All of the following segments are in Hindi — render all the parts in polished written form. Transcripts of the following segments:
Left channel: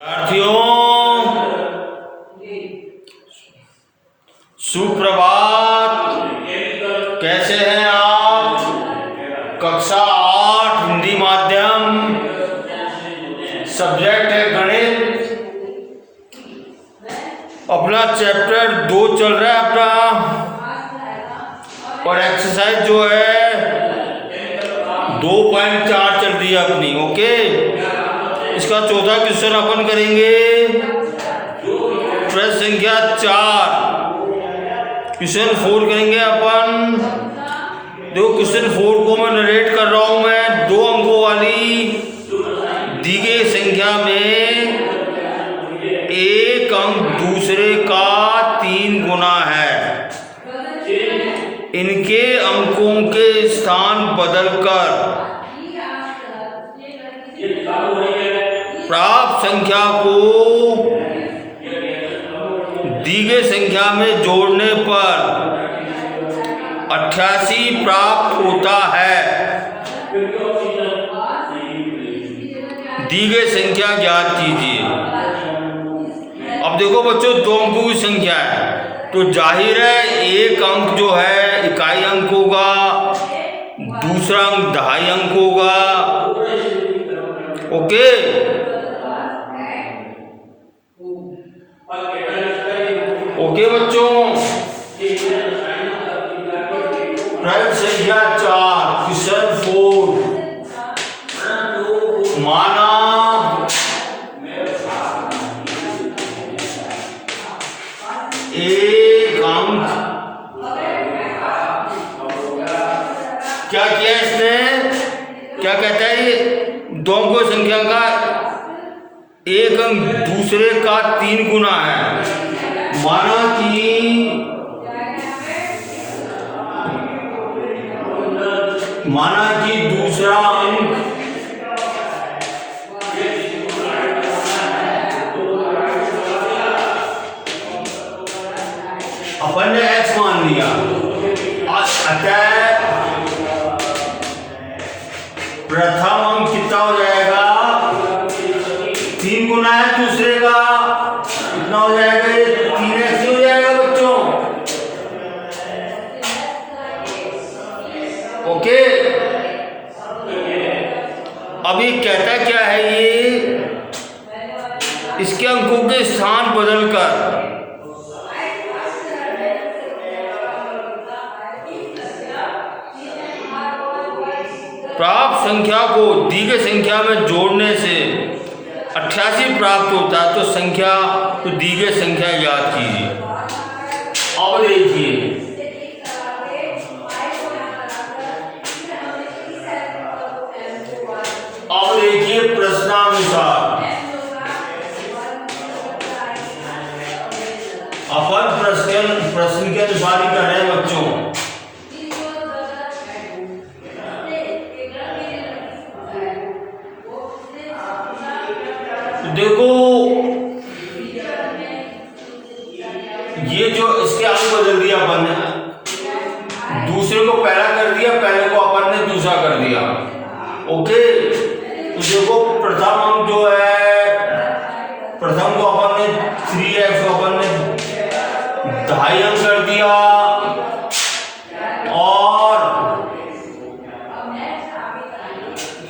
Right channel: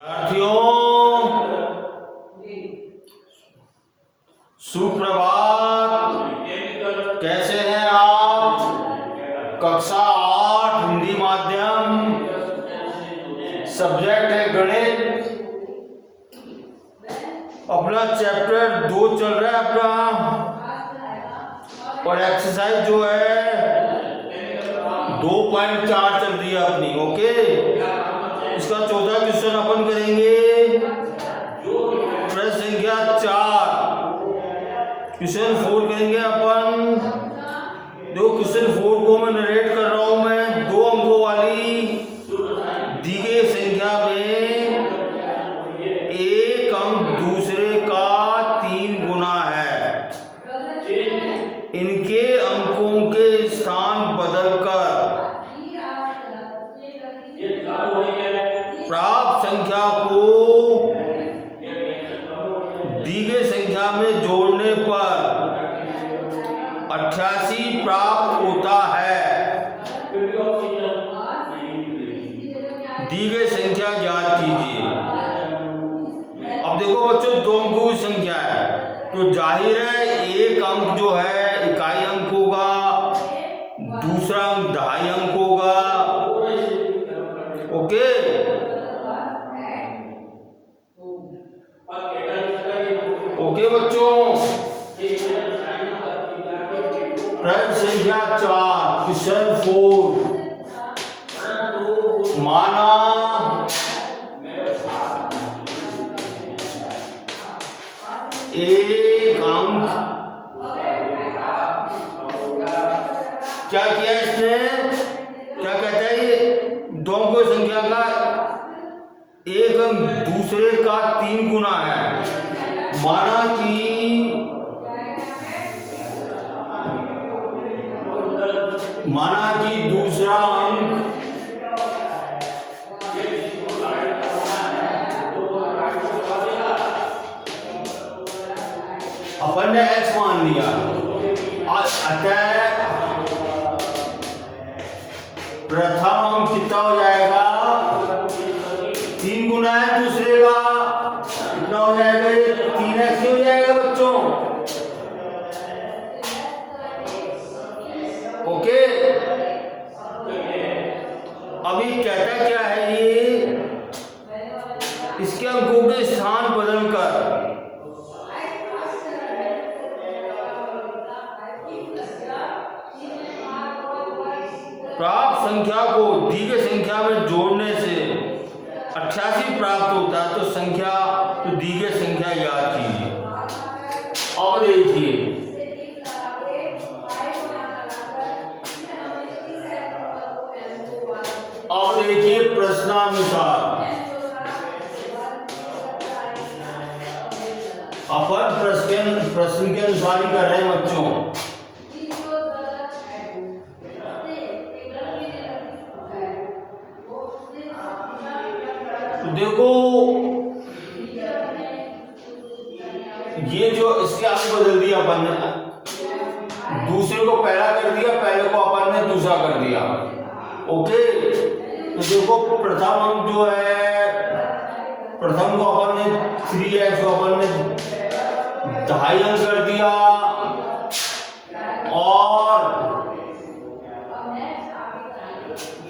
विद्यार्थियों सुप्रभात। कैसे हैं आप? कक्षा 8 हिंदी माध्यम, सब्जेक्ट है गणित। अपना चैप्टर 2 चल रहा है अपना, और एक्सरसाइज जो है 2.4 चल रही है अपनी। ओके, इसका 14 क्वेश्चन अपन करेंगे। प्रश्न संख्या 4, क्वेश्चन 4 करेंगे अपन। देखो, क्वेश्चन 4 को मैं नरेट कर रहा हूं। मैं 2 अंकों वाली दी गई संख्या में एक अंक दूसरे का 3 गुना है। इनके अंकों के स्थान बदलकर प्राप्त संख्या को दी गई संख्या में जोड़ने पर 88 प्राप्त होता है। दी गई संख्या ज्ञात कीजिए। अब देखो बच्चों, 2 अंकों की संख्या है तो जाहिर है एक अंक जो है इकाई अंक होगा, दूसरा अंक दहाई अंक होगा। ओके, ओके बच्चों। प्रश्न संख्या 4, क्वेश्चन 4। माना एक अंक, क्या किया इसने, क्या कहता है ये? 2 अंकों संख्या का एक अंक दूसरे का 3 गुना है। माना कि दूसरा अंक अपन ने x मान लिया, अतः प्रथम अंक कितना हो जाएगा? 3 गुना है दूसरे का, कितना हो जाएगा? 3x हो जाएगा बच्चों। ओके, अभी कहता क्या है ये? इसके अंकों के स्थान बदलकर प्राप्त संख्या को दी गई संख्या में जोड़ने से 88 प्राप्त होता है। तो संख्या तो दी गई संख्या याद कीजिए। अब देखिए, प्रश्नानुसार अपन प्रश्न के अनुसार ही कर रहे हैं बच्चों। देखो, ये जो इसके अंक बदल दिया अपन ने, दूसरे को पहला कर दिया, पहले को अपन ने दूसरा कर दिया। ओके, तो देखो प्रथम अंक जो है, प्रथम को अपन ने 3x को अपन ने दहाई अंक कर दिया, और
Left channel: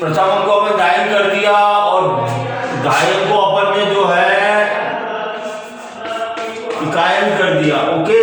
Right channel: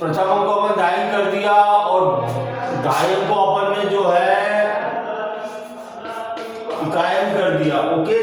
प्रथम अंक को अपन दहाई कर दिया, और दहाई को अपन ने जो है इकाई अंक कर दिया। ओके,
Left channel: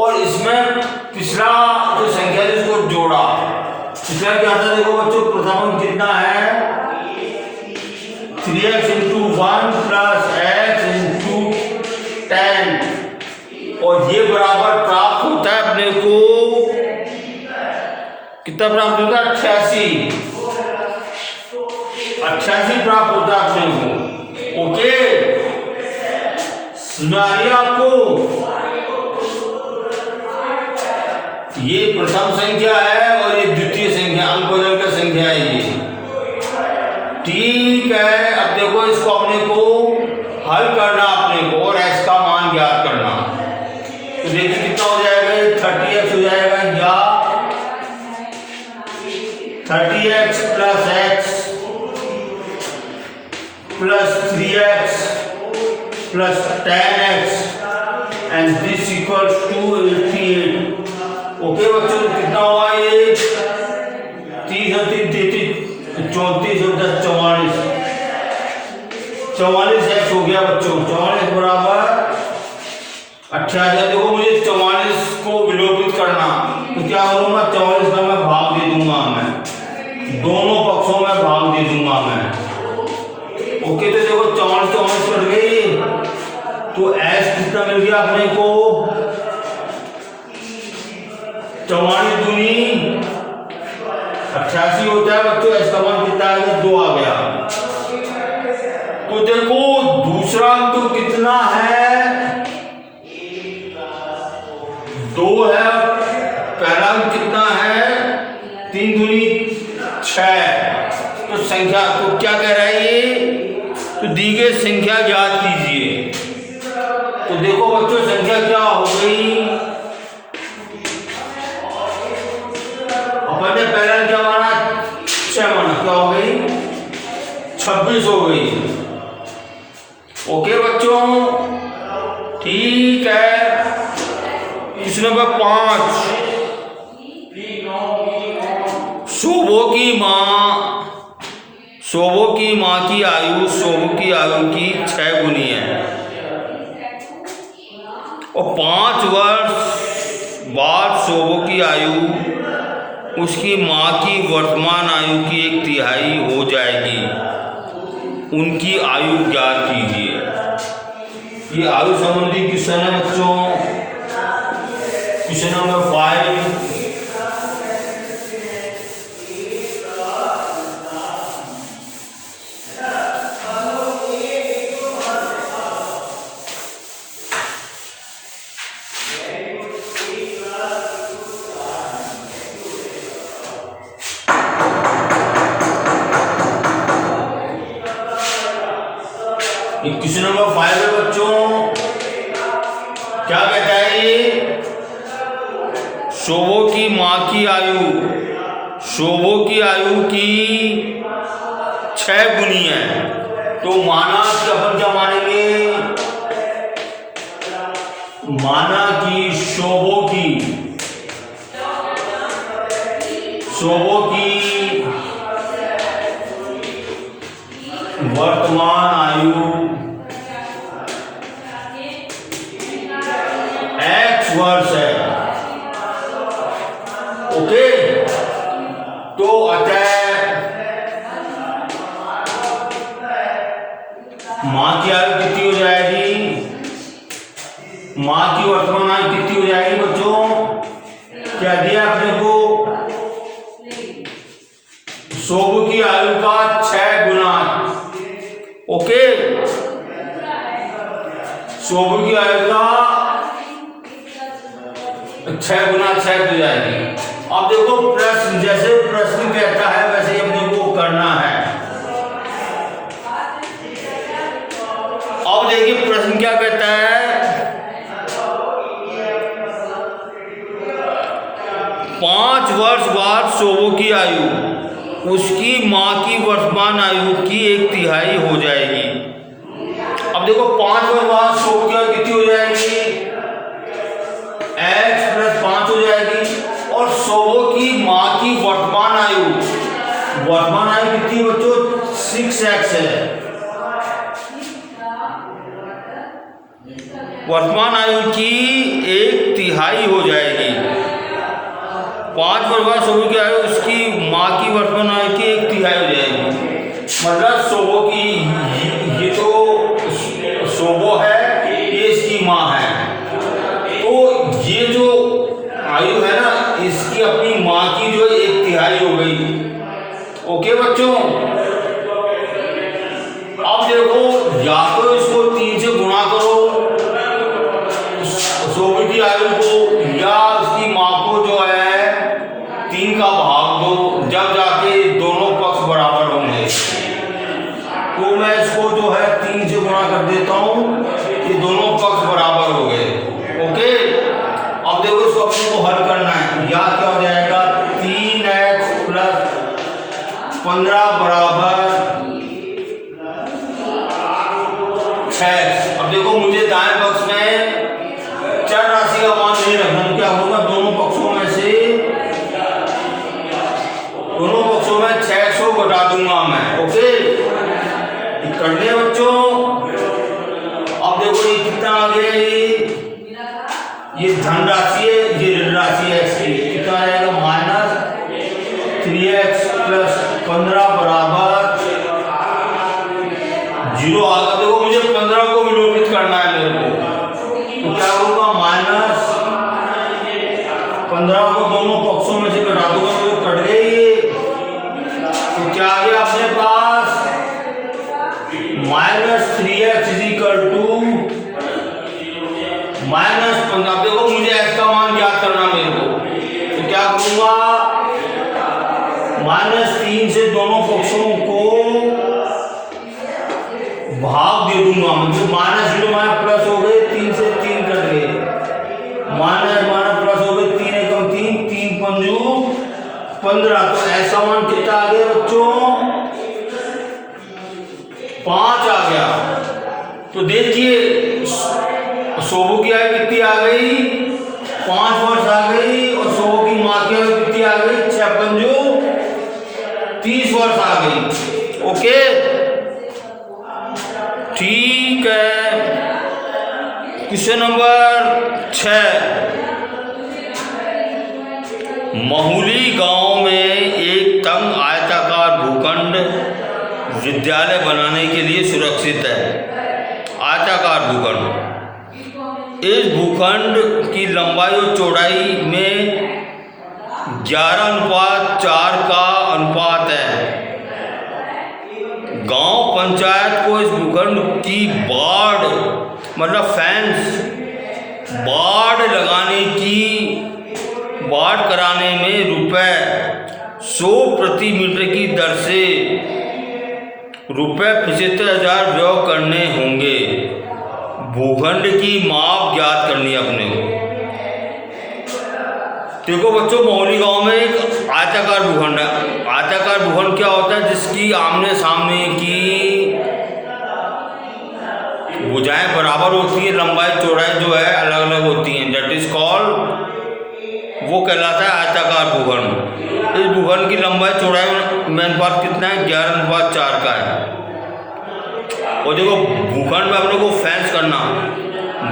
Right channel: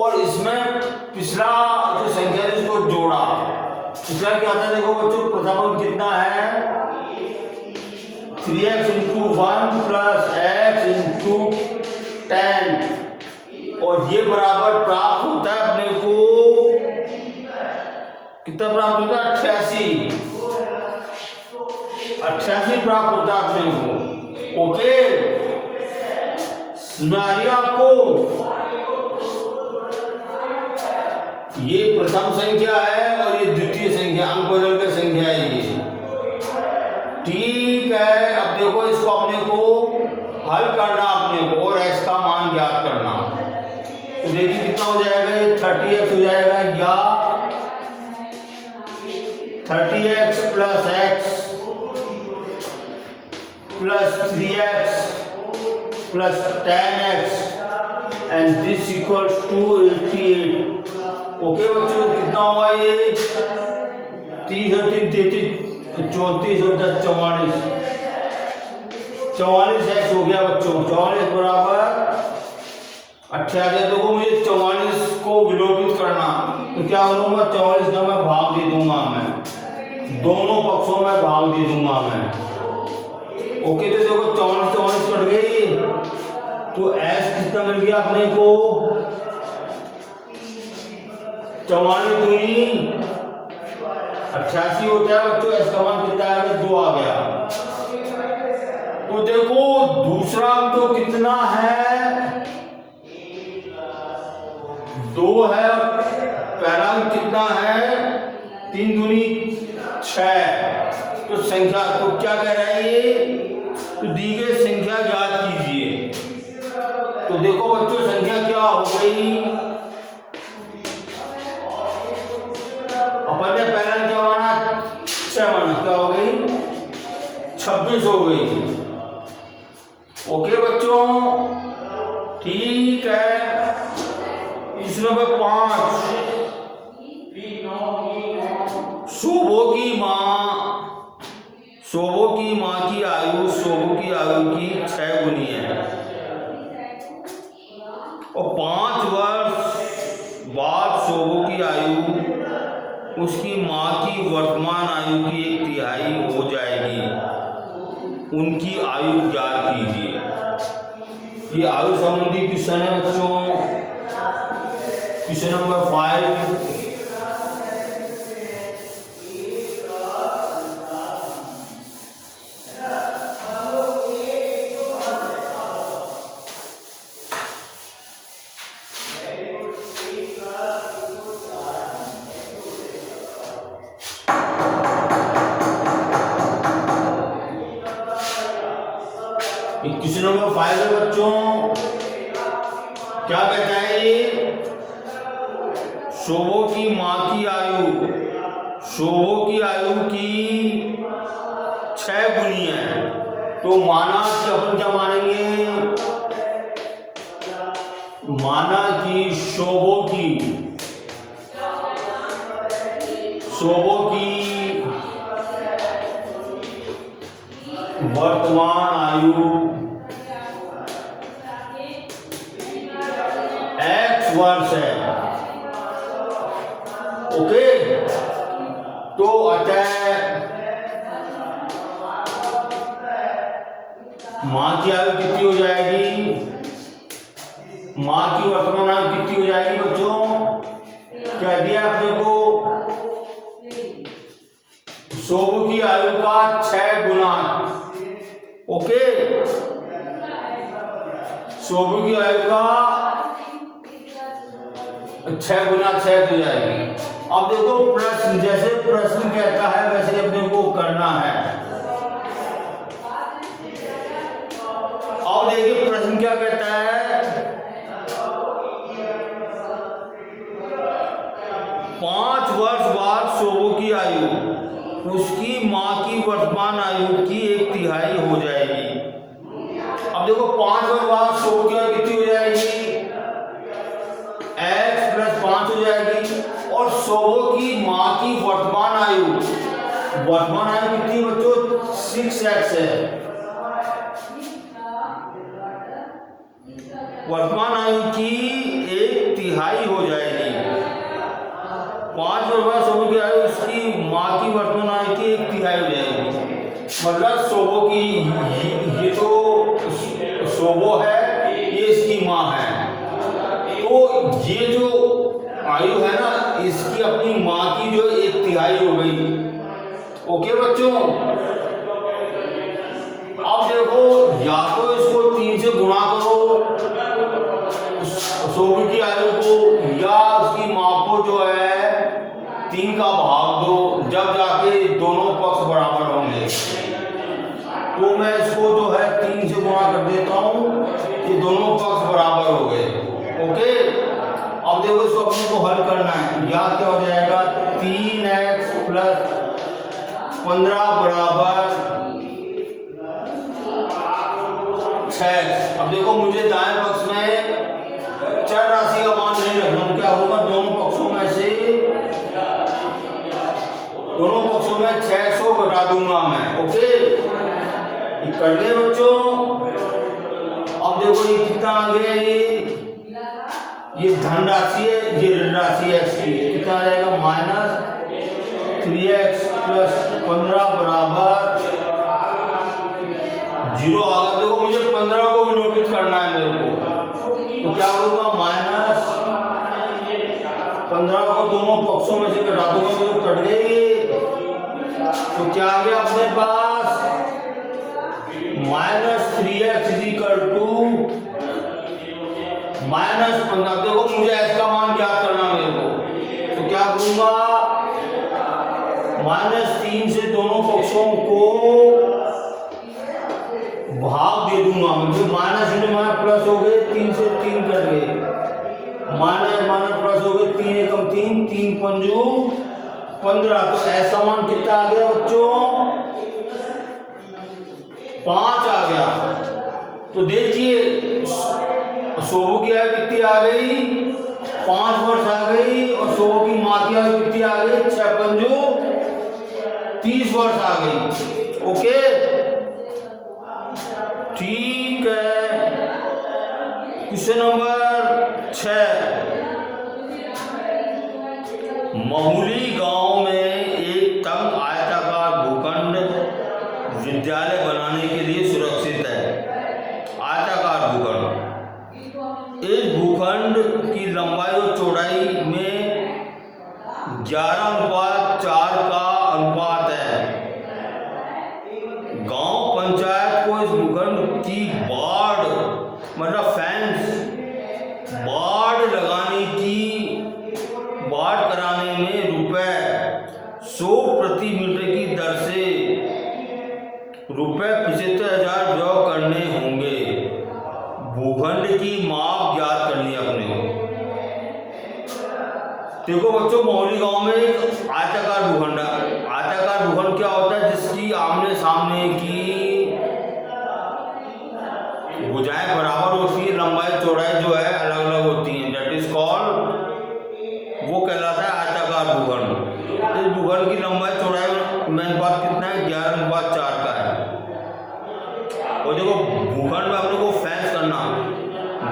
और इसमें पिछला जो संख्या है इसको जोड़ा। पिछला क्या था? देखो बच्चों, प्रथम अंक कितना है? 3x × 1 + x × 10, और ये बराबर प्राप्त होता है अपने को, कितना प्राप्त होता है? 88 प्राप्त होता है अपने को। ओके, समझ आ रही है आपको? ये प्रथम संख्या है और ये द्वितीय संख्या, अंक बदलकर संख्या है ये। ठीक है, अब देखो इसको अपने को हल करना अपने को, और x का मान ज्ञात करना। तो देखिए कितना हो जाएगा? 30x हो जाएगा, या 30x + x + 3x plus 10x and this equals to 88। Okay बच्चों, कितना हुआ ये? 30 और 3 33, 34 और 10 44, 44x हो गया बच्चों। 44 बराबर 88। देखो मुझे 44 को विलोपित करना, तो क्या करूंगा? 44 का मैं भाग दे दूंगा, मैं दोनों पक्षों में भाग दे दूंगा मैं। ओके, तो देखो 44 कट गई, तो s कितना मिल गया अपने को? 44 दूनी 88 होता है बच्चों। s का मान कितना है? 2 आ गया। तो देखो दूसरा अंक तो कितना है? 2 है। पहला अंक कितना है? 3 दूनी 6। तो संख्या तो क्या कह रहा है ये? तो दी गई संख्या ज्ञात कीजिए। तो देखो बच्चों संख्या क्या हो गई? अपन ने पहला क्या माना? 6 माना। क्या हो गई? 26 हो गई। ओके बच्चों, ठीक है। प्रश्न नंबर 5, शोभो की माँ की आयु शोभो की आयु की 6 गुनी है और 5 वर्ष बाद शोभो की आयु उसकी माँ की वर्तमान आयु की 1/3 हो जाएगी। उनकी आयु ज्ञात कीजिए। ये आयु संबंधी क्वेश्चन है बच्चों। Question number 5। क्वेश्चन नंबर 5 है बच्चों। क्या कहता है ये? शोभो की माँ की आयु शोभो की आयु की 6 गुनी है। तो माना कि अपन क्या मानेंगे? माना कि शोभो की वर्तमान आयु x वर्ष है। ओके, तो अतः माँ की आयु कितनी हो जाएगी? माँ की वर्तमान आयु कितनी हो जाएगी बच्चों? क्या दिया आपने को? शोभो की आयु का 6 गुना। ओके, शोभो की आयु का 6 गुना 6 हो जाएगी। अब देखो प्रश्न, जैसे प्रश्न कहता है वैसे ही अपने को करना है। अब देखिए प्रश्न क्या कहता है? 5 वर्ष बाद शोभो की आयु उसकी माँ की वर्तमान आयु की 1/3 हो जाएगी। अब देखो 5 वर्ष बाद शोभो की आयु कितनी हो जाएगी? x + 5 हो जाएगी। और शोभो की माँ की वर्तमान आयु कितनी बच्चों? 6x है। वर्तमान आयु की 1/3 हो जाएगी। 5 वर्ष बाद शोभो की आयु उसकी माँ की वर्तमान आयु की 1/3 हो जाएगी। मतलब शोभो की, ये तो शोभो है, ये इसकी माँ है। तो ये जो आयु है ना, इसकी अपनी माँ की जो 1/3 हो गई। ओके बच्चों, अब देखो या तो इसको 3 से गुणा करो शोभो की आयु को, या उसकी माँ को जो है 3 का भाग दो, जब जाके दोनों पक्ष बराबर होंगे। तो मैं इसको 6x। अब देखो मुझे दाएं पक्ष में चर राशि का मान नहीं रखना, तो क्या होगा, दोनों पक्षों में 6x को घटा दूंगा मैं। ओके, ये कर लिया बच्चों। अब देखो ये कितना आ गया, ये धन राशि है, ये ऋण राशि है, इसकी कितना आ जाएगा, -3x + 15 बराबर 0 आ गया। देखो मुझे 15 को विलोपित करना है मेरे को, तो क्या करूँगा, -15 को दोनों पक्षों में से घटा दूंगा, तो कट गई। तो क्या आ गया अपने पास, -3x = -15। देखो मुझे x का मान ज्ञात करना मेरे को, तो क्या करूंगा, -3 से दोनों पक्षों को भाग दे दूंगा, मतलब -, प्लस हो गए, 3 से 3 कट गए, माइनस प्लस हो गए, 3 एकम 3, 3 पंजू 15। तो ऐसा मान कितना आ गया बच्चों, 5 आ गया। तो देखिए शोभू की आयु कितनी आ गई, 5 वर्ष आ गई, और शोभू की माँ की आयु कितनी आ गई, 6 पंजू 30 वर्ष आ गई। ओके, ठीक है। क्वेश्चन नंबर 6, महुली गांव में एक तंग आयताकार भूखंड विद्यालय बनाने के लिए सुरक्षित है। आयताकार भूखंड, इस भूखंड की लंबाई और चौड़ाई में 11:4 का अनुपात है। गांव पंचायत को इस भूखंड की बाढ़ मतलब फेंस बाढ़ कराने में ₹100 प्रति मीटर की दर से ₹75,000 व्यय करने होंगे। भूखंड की माप ज्ञात करनी है अपने को। देखो बच्चों, महुली गांव में एक आयताकार भूखंड है। आयताकार भूखंड क्या होता है, जिसकी आमने सामने की भुजाएं बराबर होती है, लंबाई चौड़ाई जो है अलग अलग होती हैं, दैट इज कॉल्ड, वो कहलाता है आयताकार भूखंड। इस भूखंड की लंबाई चौड़ाई में अनुपात कितना है, 11:4 का है। और देखो भूखंड में अपने को फेंस करना,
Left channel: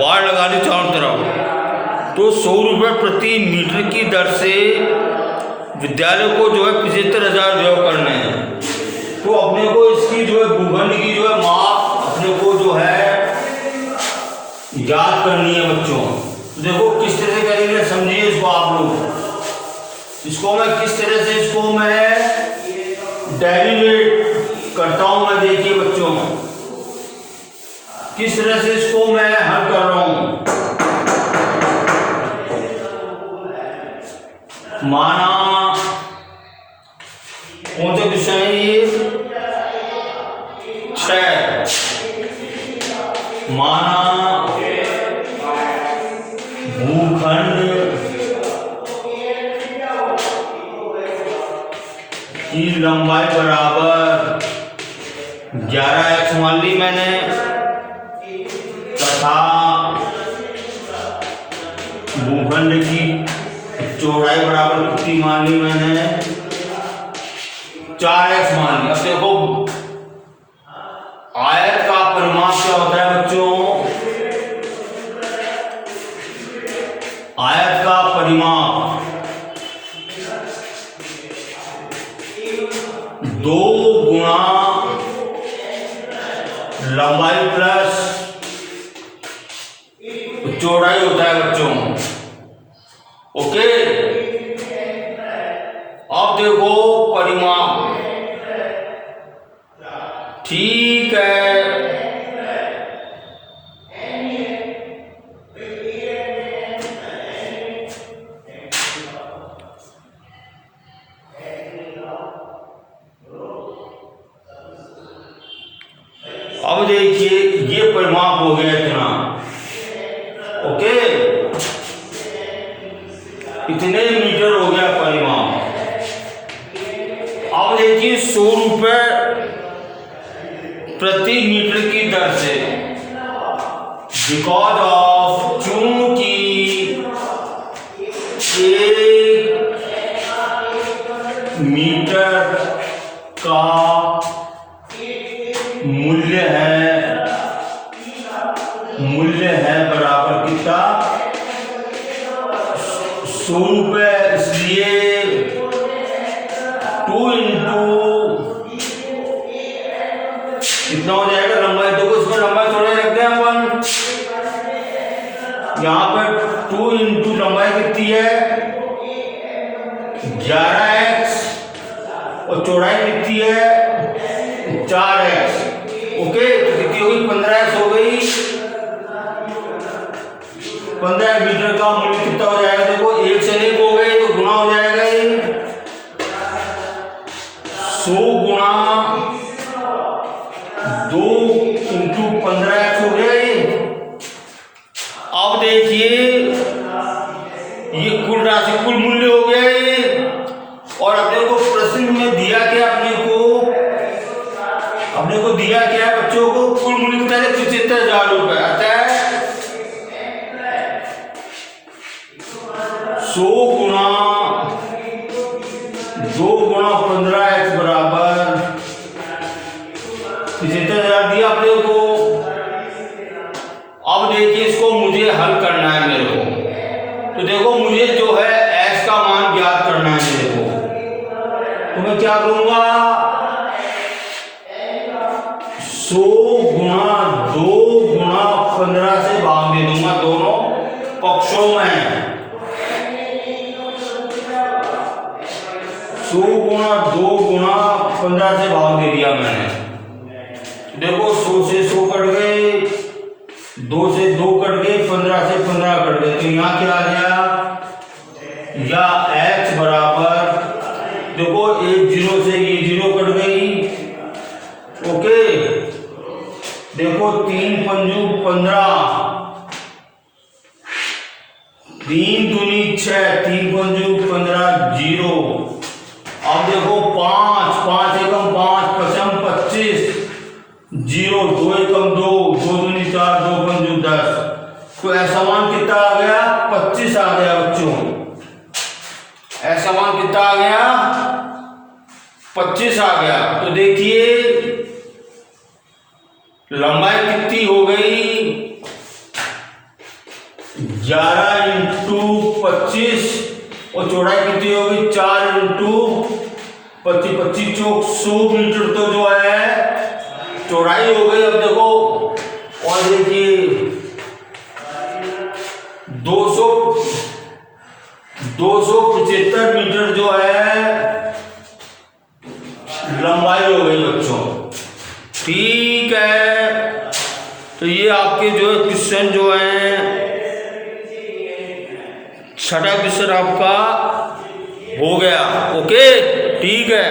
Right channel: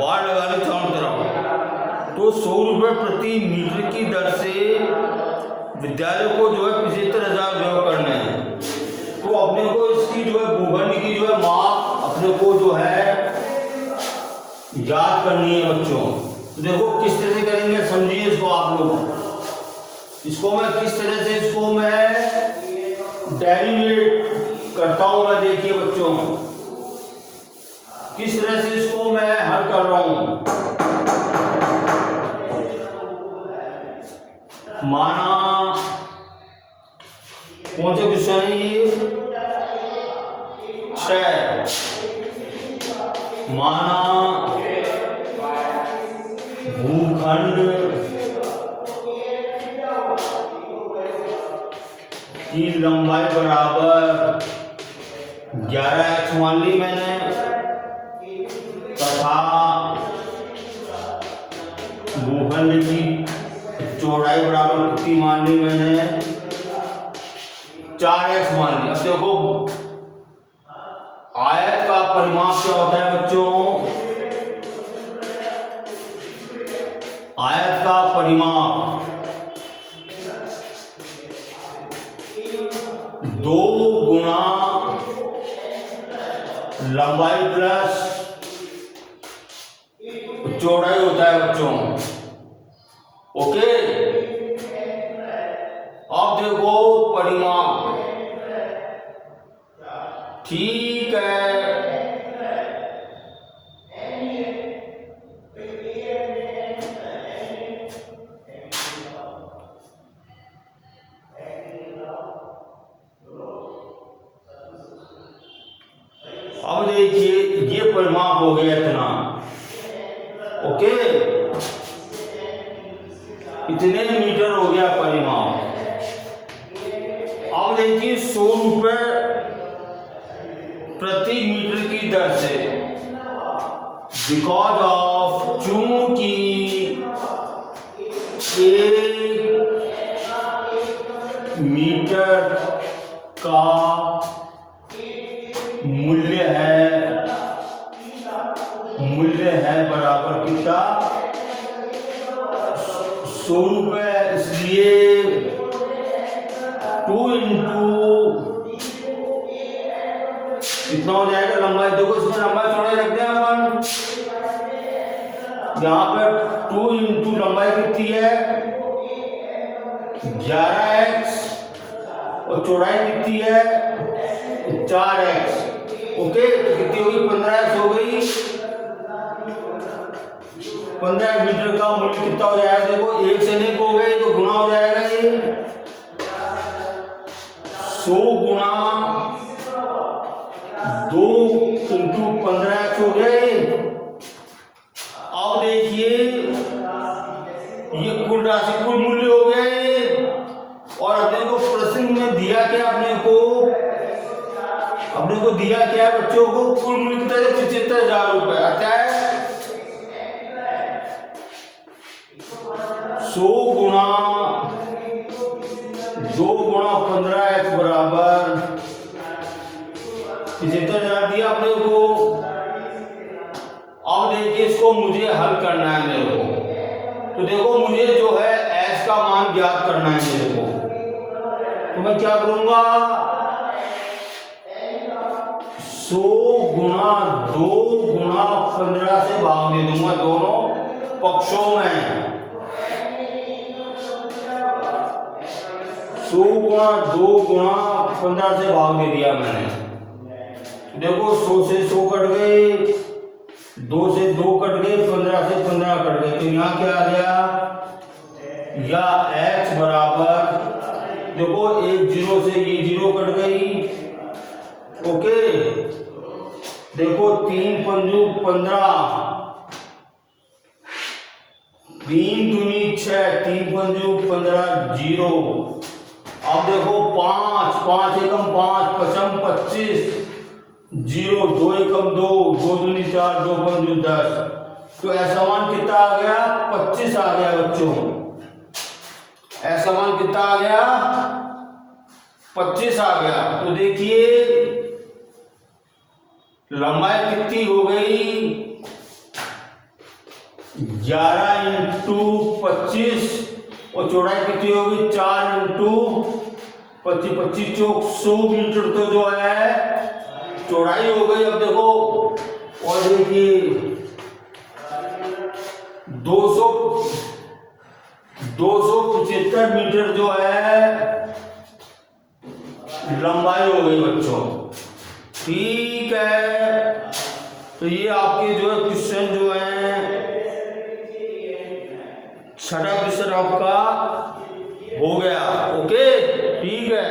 बाढ़ लगा दी चारों तरफ, तो ₹100 प्रति मीटर की दर से विद्यालय को जो है 75,000 व्यय करने हैं। तो अपने को इसकी जो है भूखंड की जो है माप अपने को जो है याद करनी है बच्चों। तो देखो किस तरह से करेंगे, समझिए इसको आप लोग। इसको मैं किस तरह से इसको मैं डेरिवेट करता हूं, मैं देखिए बच्चों किस तरह से इसको मैं हल कर रहा हूं। माना कौन से क्वेश्चन है ये, 6। माना भूखंड की लंबाई बराबर 11x मान ली मैंने, तथा भूखंड की चौड़ाई बराबर कितनी मान ली मैंने, 4x मान ली। अब देखो आयत का परिमाप क्या होता है बच्चों, आयत का परिमाप 2 गुना लंबाई प्लस चौड़ाई होता है बच्चों। ओके, अब देखो परिमाप, ठीक है। अब देखिए ये परिमाप हो गया इतना, ओके, इतने मीटर हो गया परिमाप। अब देखिए ₹100 प्रति मीटर की दर से बिकॉज ऑफ, चूंकि 1 मीटर का मूल्य है बराबर कितना, 100 रुपये। इसलिए 2 इंटू कितना हो जाएगा लंबाई, देखो इसमें लंबाई थोड़ा रखते हैं अपन, यहाँ पर 2 इंटू लंबाई कितनी है 11x और चौड़ाई कितनी है 4x। ओके, तो कितनी होगी 15x हो गई। 15 मीटर का मूल्य कितना हो जाएगा, देखो 1 से 1 हो गई तो गुना हो जाएगा ये 100 गुना 2 इंटू 15x हो गया ये। अब देखिए ये कुल राशि, कुल मूल्य हो गया ये। और अपने को प्रश्न में दिया क्या, अपने को दिया क्या है बच्चों को, कुल मूल्य कितना है 75,000 रुपए। अतः 100 गुना 2 गुना 15x बराबर 75,000 दिया अपने को। अब देखिए इसको मुझे हल करना है मेरे को, तो देखो मुझे जो है x का मान ज्ञात करना है मेरे को, तो मैं क्या करूंगा 100 गुना 2 गुना 15 से भाग दे दूंगा दोनों पक्षों में। 100 गुना 2 गुना 15 से भाग दे दिया मैंने। देखो 100 से 100 कट गए, 2 से 2 कट गए, 15 से 15 कट गए, तो यहाँ क्या आ गया, या x बराबर, देखो 1 0 से ये 0 कट गई। ओके, देखो 3 पंजू 15, 3 दूनी 6, 3 पंजू 15 0। अब देखो 5 5 एकम 5 पचम 25 0, 2 एकम 2, 2 दूनी 4, 2 पंजू 10। तो ऐसा मान कितना आ गया 25 आ गया बच्चों। ऐसा मान कितना आ गया 25 आ गया। तो देखिए लंबाई कितनी हो गई 11 इंटू 25 और चौड़ाई कितनी होगी 4 इंटू 25, 25 चौक 100 मीटर तो जो है चौड़ाई हो गई। अब देखो और देखिए 275 मीटर जो है लंबाई हो गई बच्चों। ठीक है, तो ये आपके जो है क्वेश्चन जो है छठा क्वेश्चन आपका हो गया। ओके, ठीक है।